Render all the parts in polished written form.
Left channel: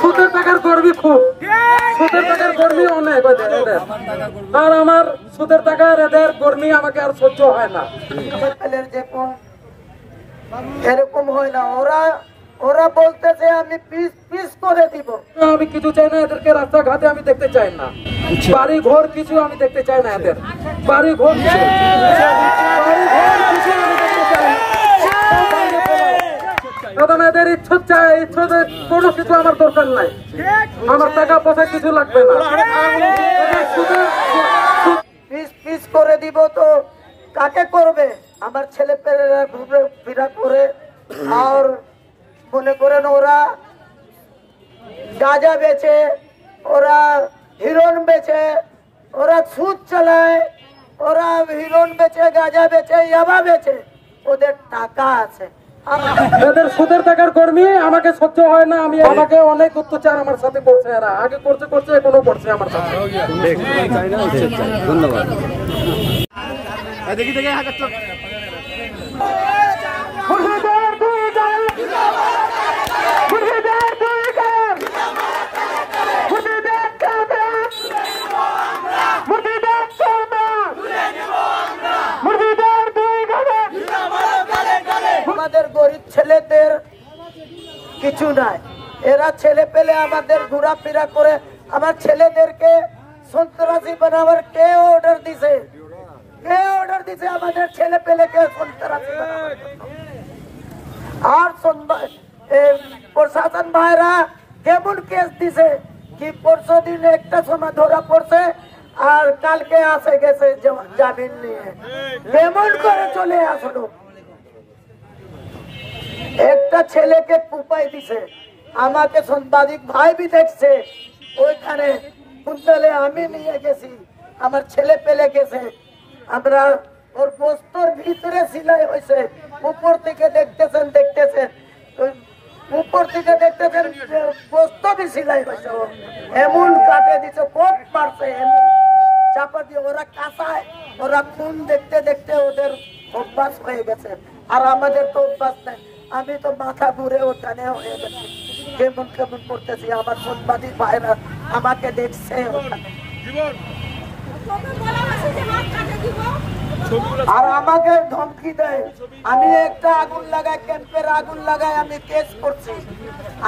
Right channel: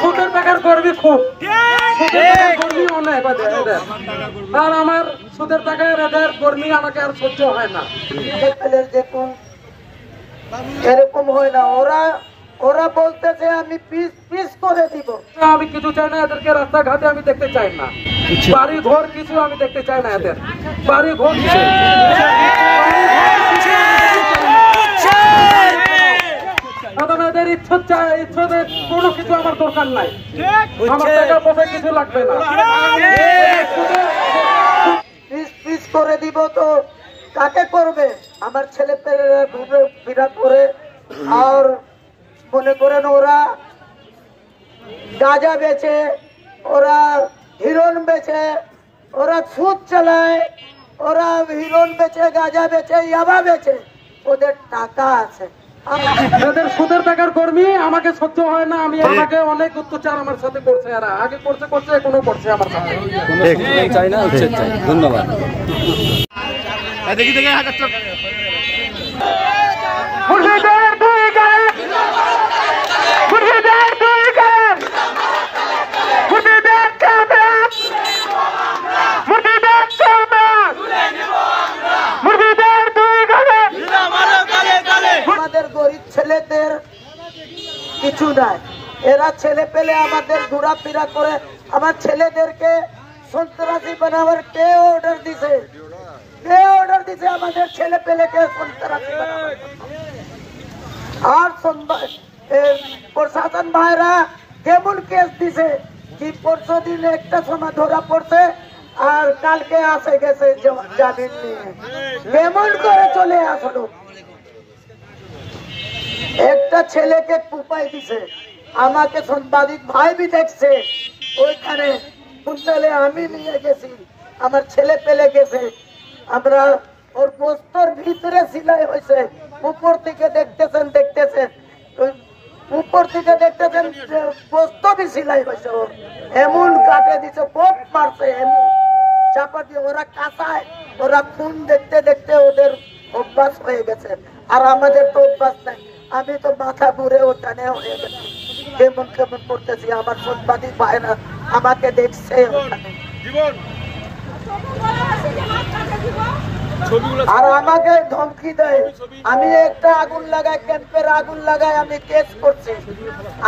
সুদের টাকার কর্মী খুব, সুদের টাকার কর্মী অনেক, আর আমার সুদের টাকার এদের কর্মী আমাকে আর সহ্য হয় না। এরকম হয় না, ওরা বলতেছে আমি পিস পিস করে দিব। আমি কিছু চাই না এদেরকে, রাস্তাঘাটে আমি দেখতে চাই না, বাড়ি ঘর কিছু আমি দেখতে চাই না, এদের বাড়ি ঘর এদের ইচ্ছুক চাই, ইচ্ছুদের কোনো কিছু আমার দরকার নাই, আমার টাকা পয়সা কিছু লাগবে না। পিস পিস করে দিব তো কাকে করবে? আমার ছেলে পেলেরা ঘুরে ফিরা করে, আর মনে করেন ওরা গাঁজা বেচে, ওরা হিরণ বেচে, ওরা সুদ চালায়, ওরা হিরণ বেচে, গাঁজা বেচে, ইয়াবা বেচে, ওদের টাকা আছে। এদের সুদের টাকার কর্মী আমাকে সহ্য হয় না। আমি আমাকে অনেক অত্যাচার আমার সাথে করছে, এরা আগে করছে এখনো করছে আমার সাথে। ধন্যবাদ। দেখি দেখি হাজারটা আমাদের গরিব ছেলেদের কিছু নাই, এরা ছেলে পেলে আমাদের ঘোরাফেরা করে। আমার ছেলেদেরকে সন্ত্রাসী বানাবার কে অর্ডার দিছে? কে অর্ডার দিছে আমাদের ছেলে পেলেকে সন্ত্রাসী? আর প্রশাসন ভাইরা কেমন কেস দিছে কি পরশু দিন একটা সময় ধরা পড়ছে আর কালকে আসে গেছে জামিন নিয়ে। কেমন করে চলে আসলো? একটা ছেলেকে পুপাই দিছে, আমাকে সাংবাদিক ভাই বি দেখছে, ওইখানে কুন্তলে আমি নিয়ে গেছি, আমার ছেলে পেলে গেছে। আমরা ওর বস্তর ভিতরে সিলাই হয়েছে, উপর থেকে দেখতেছেন উপর থেকে দেখতেছেন বস্তর বি সিলাই হয়েছে। এমন কাটে দিছে, কোপ মারছে, এমন চাপা দিয়ে। ওরা কাঁচায়, ওরা খুন দেখতে দেখতে ওদের অভ্যাস হয়ে গেছে, আর আমাদের তো অভ্যাস নাই। আমি তো মাথা ঘুরে ওখানে হয়ে গেছি, কেমন কেমন করতেছি। আমার সাংবাদিক ভাইরা আমাকে দেখছে ওখানে, আর আমাকে ধমকি দেয়। আমি একটা আগুন লাগাই, ক্যাম্পের আগুন লাগাই, আমি কেস করছি।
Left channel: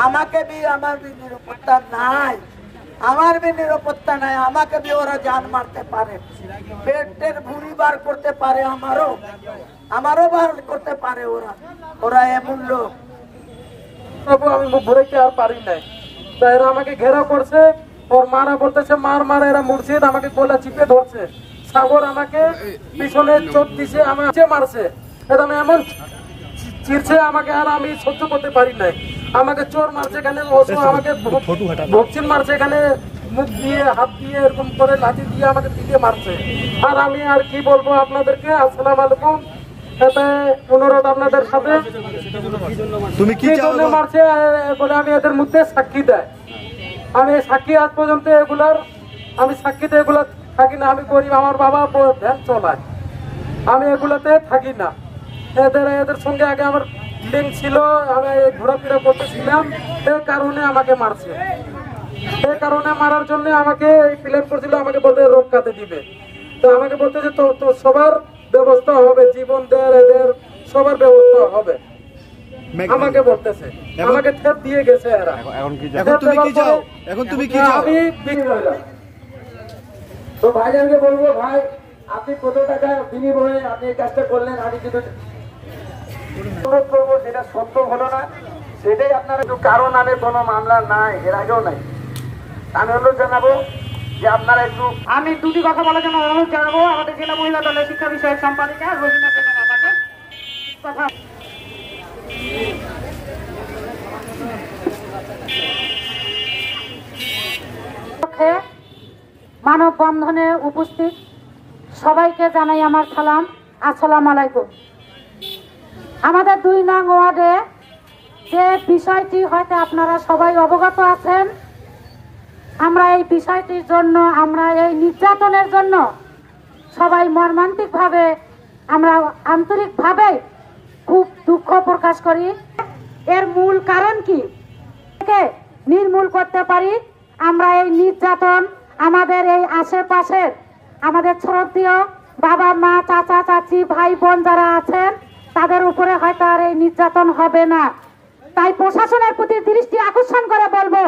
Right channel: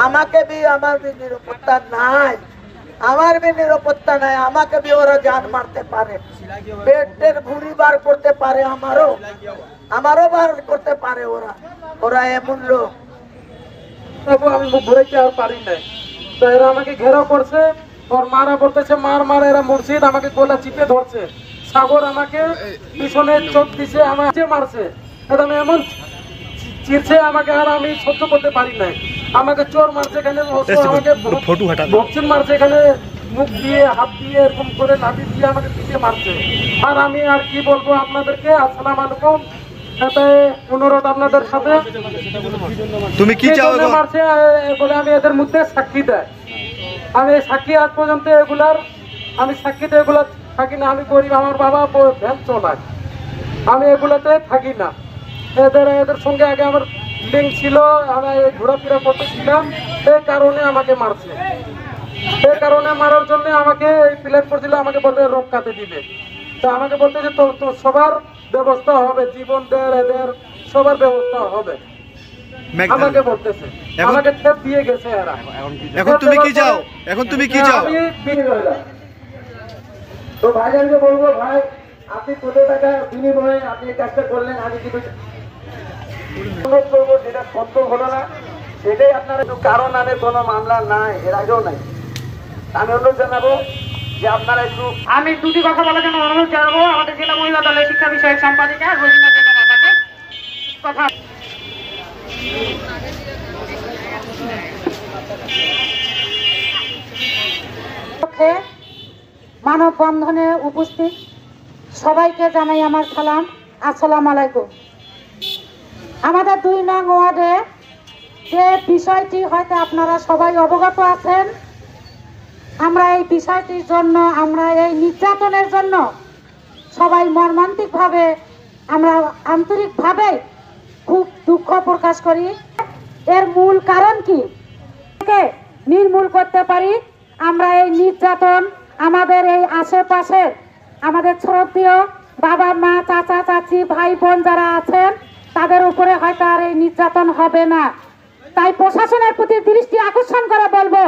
আমাকে বি আমার বি নিরাপত্তা নাই, আমার বি নিরাপত্তা নাই। আমাকে বি ওরা জান মারতে পারে, পেটের ভুঁড়ি বার করতে পারে, আমারও বার করতে পারে। ওরা এমন লোক। আমি মুখ ভরে কি আর পারি নাই, তো এরা আমাকে ঘেরা করছে, ওর মারা বলতেছে মার। এরা মুর্শিদ আমাকে গলা চিপে ধরছে, সাগর আমাকে পিছনে চোখ দিছে, আমাকে মারছে, এটা এমন চিরছে আমাকে, আর আমি সহ্য করতে পারি নাই। আমাকে চোর মারছে এখানে, আমাকে বক্সিং মারছে এখানে, মুখ দিয়ে হাত দিয়ে এরকম করে লাঠি দিয়ে আমাকে পিঠে মারছে। আর আমি আর কি বলবো আপনাদেরকে। আসসালামু আলাইকুম, অনুরোধ আপনাদের সাথে। তুমি কি চাও মারছে বলে আমি এদের মধ্যে সাক্ষী দেয়, আমি সাক্ষী আজ পর্যন্ত এগুলার আমি সাক্ষীতে এগুলো থাকি না। আমি গরিব, আমার বাবা ভ্যান চলায়, আমি এগুলোতে থাকি না। এদের সঙ্গে আগে আমার লিঙ্ক ছিল, আমি ঘোরাফেরা করতেছিলাম, এই কারণে আমাকে মারছে। এই কারণে মারার জন্য আমাকে এই প্ল্যান করছিল, আমাকে বলতে রোগ কাটে দিবে। তো আমাকে বলতে যে তো সবার ব্যবস্থা হবে, জীবন দেয় এদের সবার ব্যবস্থা হবে, আমাকে বলতেছে, আমাকে থেপ দিয়ে গেছে এরা। এখন তুমি কি চাও? এখন তুমি কি চাও? তো ভাইজানকে বলবো, ভাই আপনি কত টাকা বিনিময়ে আপনি এই কাজটা করলেন, আমি কিন্তু অনুরোধ করবো সেটা সত্য ঘটনা, সেটাই আপনার। কারণ আমি কোনো মামলা নাই, এর আগেও নাই। আমি অনুরোধ জানাবো যে আপনারা একটু, আমি দুটি কথা বলার জন্য অনুরোধ জানাবো আমাদের জেলা মহিলা দলের শিক্ষা বিষয়ক সম্পাদিকা রোজিনা বেগম আপাকে কথা। মানববন্ধনে উপস্থিত সবাইকে জানাই আমার সালাম, আসসালামু আলাইকুম। আমাদের 2 নং ওয়ার্ডে যে বিষয়টি হয়তো আপনারা সবাই অবগত আছেন, আমরা এই বিষয়টির জন্য, আমরা এই নির্যাতনের জন্য সবাই মর্মান্তিকভাবে, আমরা আন্তরিকভাবে খুব দুঃখ প্রকাশ করি। এর মূল কারণ কি? নির্মূল করতে পারি। আমরা এই নির্যাতন আমাদের এই আশেপাশের আমাদের শ্রদ্ধেয় বাবা মা চাচা চাচি ভাই বোন যারা আছেন তাদের উপরে হয়তো আর এই নির্যাতন হবে না। তাই প্রশাসনের প্রতি দৃষ্টি আকর্ষণ করে বলবো,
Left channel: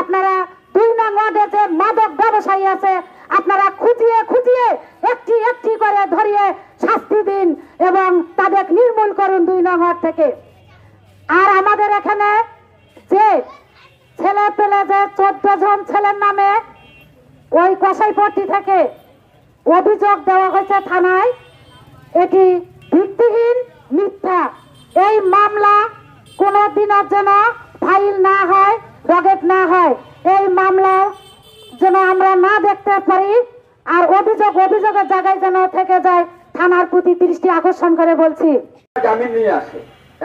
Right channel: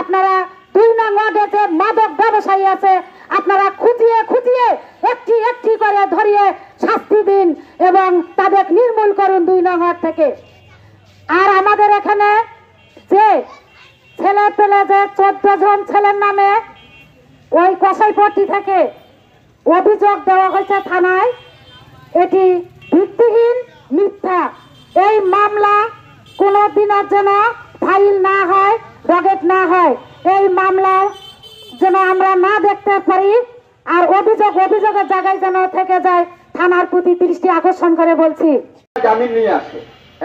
আপনারা 2 নং ওয়ার্ডে যে মাদক ব্যবসায়ী আছে আপনারা খুঁটিয়ে খুঁটিয়ে একটি একটি করে ধরিয়ে শাস্তি দিন এবং তাদের নির্মূল করুন 2 নং ওয়ার্ড থেকে। আর আমাদের এখানে যে ছেলে পেলে যে 14 জন ছেলের নামে ওই কসাইপট্টি থেকে অভিযোগ দেওয়া হয়েছে থানায়, এটি ভিত্তিহীন মিথ্যা। এই মামলা কোনো দিনের জন্য ফাইল না হয়, ডগেট না হয়, এই মামলা যেন আমরা না দেখতে পারি আর অভিযোগের জায়গায় যেন থেকে যায়, থানার প্রতি দৃষ্টি আকর্ষণ করে বলছি। জামিন নিয়ে আসে।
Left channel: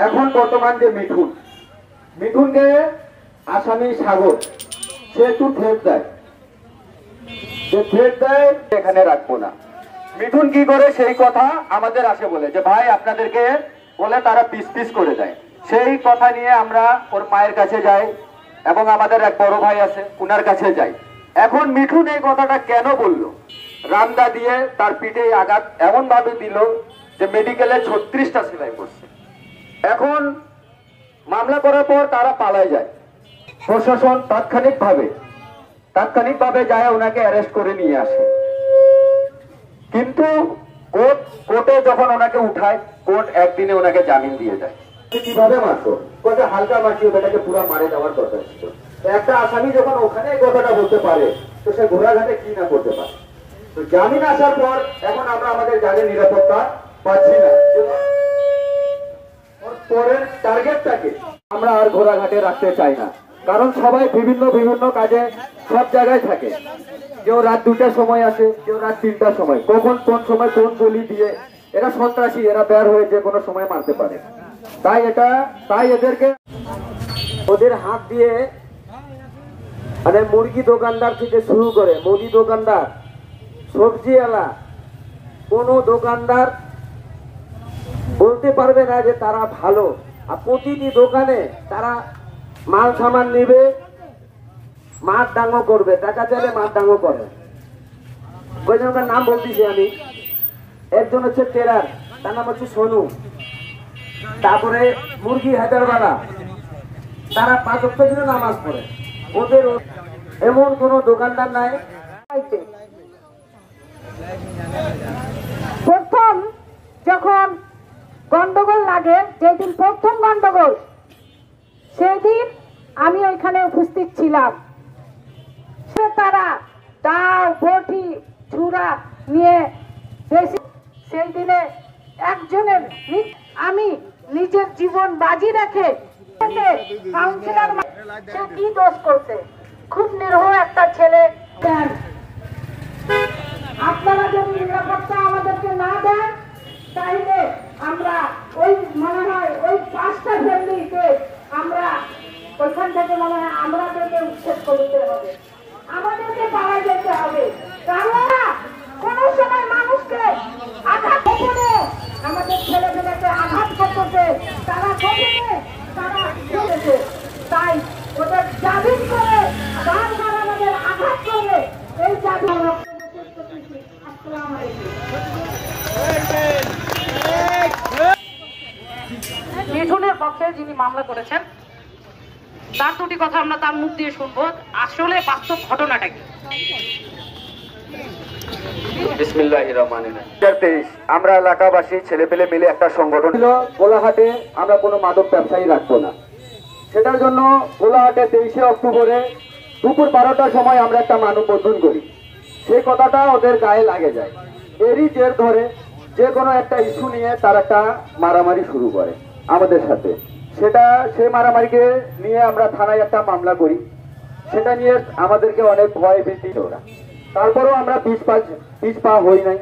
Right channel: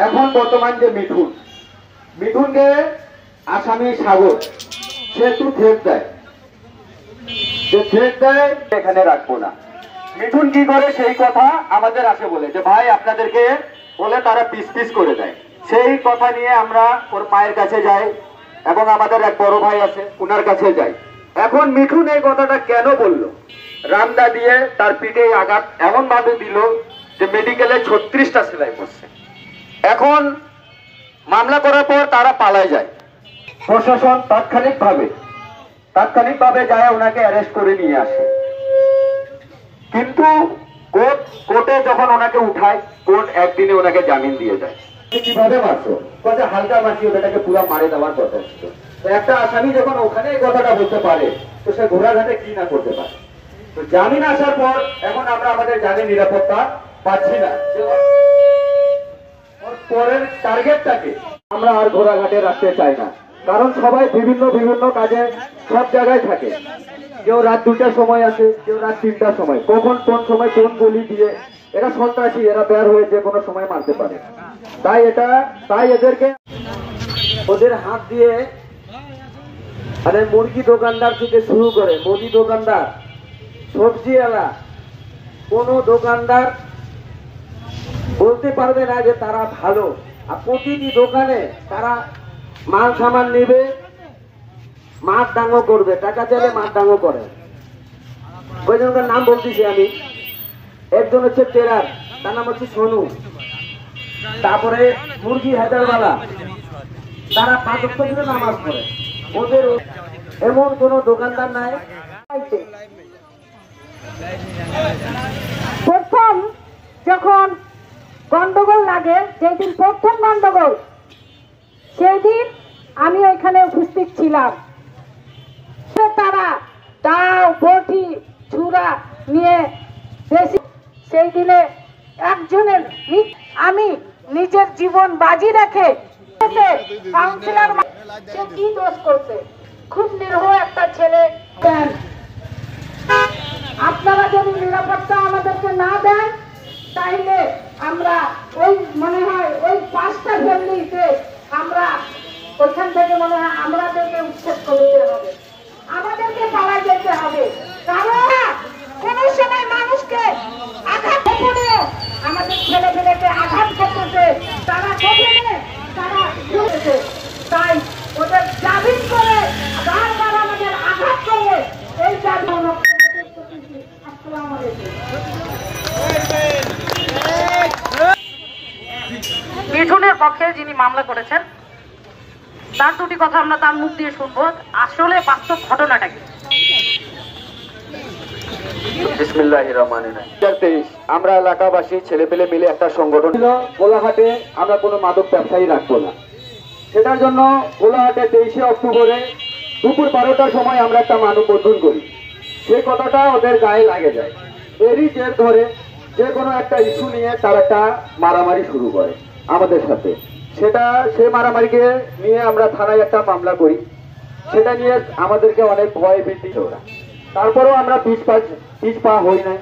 এখন বর্তমান যে মিঠুনকে আসামি সাগর সে একটু থ্রেট দেয়, যে থ্রেট দেয় এখানে রাখবো না। মিঠুন কি করে সেই কথা আমাদের আসে বলে যে ভাই আপনাদেরকে বলে তারা পিস পিস করে দেয়। সেই কথা নিয়ে আমরা ওর মায়ের কাছে যাই এবং আমাদের এক বড় ভাই আছে উনার কাছে যাই। এখন মিঠুন এই কথাটা কেন বলল, রামদা দিয়ে তার পিঠে আঘাত এমন ভাবে দিল যে মেডিকেলে 36টা সেলাই করছে। এখন মামলা করার পর তারা পালায় যায়। প্রশাসন তাৎক্ষণিকভাবে যায় ওনাকে অ্যারেস্ট করে নিয়ে আসে, কিন্তু কোর্টে যখন ওনাকে উঠায় কোর্ট একদিনে ওনাকে জামিন দিয়ে দেয়। কিভাবে মারতো, হালকা মারছি, ওটাকে পুরো মারে দেওয়ার দরকার ছিল। একটা আসামি যখন ওখানে এই কথাটা বলতে পারে তো সে ঘোড়াঘাটে কি না করতে পারে। তো জামিন আসার পর এখন আমরা আমাদের জানের নিরাপত্তা পাচ্ছি না। পরের টার্গেটটাকে আমরা আর ঘোড়াঘাটে রাখতে চাই না, কারণ সবাই বিভিন্ন কাজে সব জায়গায় থাকে। কেউ রাত 2টার সময় আসে, কেউ রাত 3টার সময়, কখন কোন সময় কোন গলি দিয়ে এরা সন্ত্রাসী, এরা বের হয়ে যে কোনো সময় মারতে পারে। তাই এদেরকে ওদের হাত দিয়ে মানে মুরগি দোকানদার থেকে শুরু করে মুদি দোকানদার, সবজিওয়ালা, কোনো দোকানদার বলতে পারবে না যে তারা ভালো। আর প্রতিটি দোকানে তারা মাল সামান নেবে, মাঠ ডাঙ্গো করবে, টাকা চাইলে মাঠ ডাঙ্গো করে। ওইজনকার নাম বলতেছি আমি। একজন হচ্ছে টেরার, তার নাম হচ্ছে সোনু। তারপরে মুরগি হায়দারওয়ালা, তারা 5 ওয়াক্ত দিনে নামাজ পড়ে। ওদের এমন কোন দোকানদার নাই। প্রথম যখন গন্ডগোল লাগে, যেদিন প্রথম গন্ডগোল সেই দিন আমি ওইখানে উপস্থিত ছিলাম। তারা তাও বটি ছুরা নিয়ে সেই দিনে একজনের আমি নিজের জীবন বাজি রেখে কাউন্সিলর সে কি দোষ করছে, খুব নিরহ একটা ছেলে। আপনারা যদি নিরাপত্তা আমাদেরকে না দেন তাইলে আমরা ওই মনে হয় ওই 5টা ফ্যামিলিতে আমরা ওইখান থেকে মনে হয় আমাদেরকে উচ্ছেদ করতে হবে, আমাদেরকে পাড়ায় যেতে হবে। কারণ কোন সময় মানুষকে আঘাত করে আমাদের ছেলেমেয়েকে আঘাত করতেছে, তারা তাই ওদের জামিন করে বারবার আমাদের আঘাত করে এই জামিন। আসসালামু আলাইকুম। মিঠুনের পক্ষে যিনি মামলা করেছেন তার 2টি কথা আমরা তার মুখ দিয়ে শুনবো, আসলে বাস্তব ঘটনাটা কি। আমরা এলাকাবাসী ছেলেপেলে মিলে একটা সংগঠন ছিল, গোলাহাটে আমরা কোনো মাদক ব্যবসায়ী রাখবো না। সেটার জন্য গোলাহাটে 23শে অক্টোবরে দুপুর 12টার সময় আমরা একটা মানববন্ধন করি। সেই কথাটা ওদের গায়ে লাগে যায়। এরই জের ধরে যে কোনো একটা ইস্যু নিয়ে তার একটা মারামারি শুরু করে আমাদের সাথে। সেই মারামারিকে নিয়ে আমরা থানায় একটা মামলা করি। সেটা নিয়ে আমাদেরকে অনেক ভয় ভীতি ওরা, তারপরেও আমরা পিছ পা হই নাই।